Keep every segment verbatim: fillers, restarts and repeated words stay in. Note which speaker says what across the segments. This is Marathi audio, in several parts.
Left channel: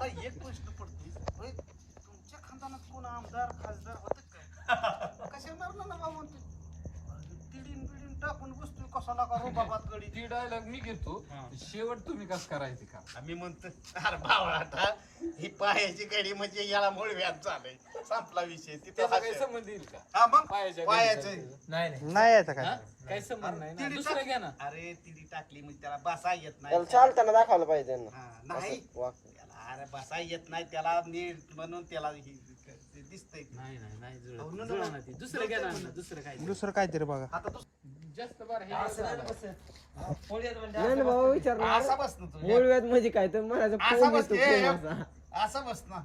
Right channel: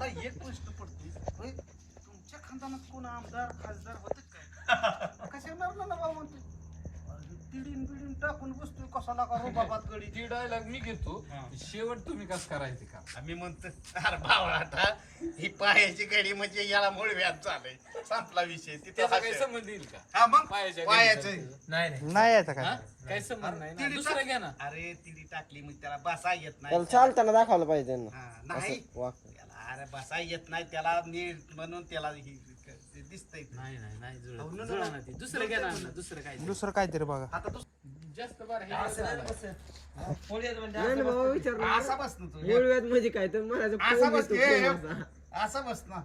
Speaker 1: एक प्रश्न पडतो, तुमच्या खानदानात कोण आमदार खासदार होत काय? कशा मारला ना बाबा म्हणतो तिडीन बिडीन टाकून बसतोय कशाला का बाबात गडी.
Speaker 2: ती डायलॉग मी घेतो, शेवट तुम्ही कसं करायचे का?
Speaker 1: आम्ही म्हणतो अरे बाबा आता ही पायाची गडी म्हणजे याला मूळ व्याज चालय, संपला विषय.
Speaker 2: त्याचा काही संबंध येईल का?
Speaker 1: हा मग
Speaker 2: पायाच्या
Speaker 1: पायाचं
Speaker 2: नाही नाही
Speaker 3: नाही येत काय
Speaker 2: हा? काही संबंध नाही ना.
Speaker 1: तिडी
Speaker 2: दुसरं घ्या ना.
Speaker 1: अरे तिडी टाकली मग त्याला बसा येत नाही.
Speaker 3: त्याला चालताना दाखवलं पाहिजे त्यांना
Speaker 1: हा, नाही
Speaker 3: असं वाकून.
Speaker 1: त्याला अरे बसा येत नाही त्याला नीट म्हणून त्याला हे- हे दिसतंय.
Speaker 2: नाही नाही नाही जुळत.
Speaker 1: हो,
Speaker 2: जुळलं ना ते. दुसरं घ्या ना अण्णा, दुसरं काय
Speaker 3: दुसरं काहीतरी बघा.
Speaker 1: आता दुसरं
Speaker 2: जास्त बरं हे
Speaker 1: असं
Speaker 2: झालं.
Speaker 3: नाही बाबा विचार
Speaker 1: असा बस ना तू
Speaker 3: मूळ व्याज म्हणजे काय तर म्हणायचं
Speaker 1: असा
Speaker 3: फोन
Speaker 1: बस
Speaker 3: येतो,
Speaker 1: हे,
Speaker 3: फोन असा.
Speaker 1: असा बस ना.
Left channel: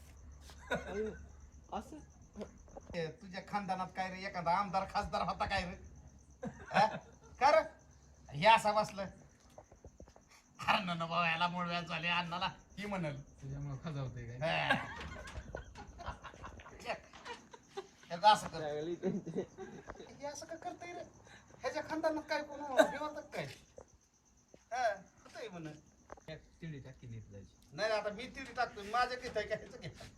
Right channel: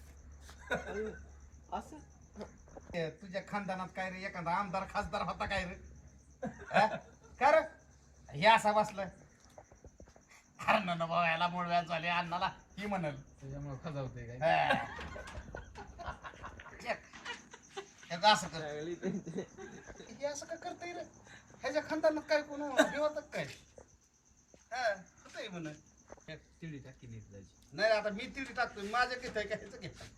Speaker 3: असं
Speaker 1: हे, तुझ्या खानदानात काय रे एखादा आमदार खासदार होता काय रे? हा? का रे हे असा बसलं अरे ना बाबा याला मूळ व्याज झाले अण्णाला ही म्हणाल
Speaker 2: त्याच्यामुळे खजावतंय काय?
Speaker 1: हा. चेक. ह्याचं असं कर हे असं का करताय रे ह्याच्या खानदानात काय कोण हे होतं काय? हा होतंय म्हण.
Speaker 2: तिडी टाकी नीट जायची.
Speaker 1: नाही आता मी तिथे टाकतो माझ्या घेतोय का ह्याचं घेतोय?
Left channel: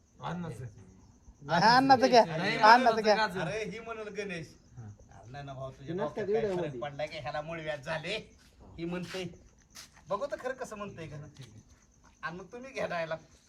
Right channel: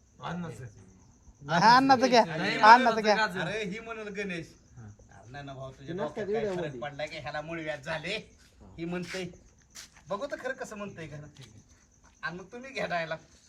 Speaker 3: हा, अन्नाचं घ्या अन्नाचं घ्या.
Speaker 1: अरे ही म्हणून गणेश अरे ना भाऊ तुझ्या डोक्यात काय फरक पडला की ह्याला मूळ व्याज झाले ही म्हणतोय बघू तर खरं कसं म्हणतोय का आणि मग तुम्ही घ्या डायला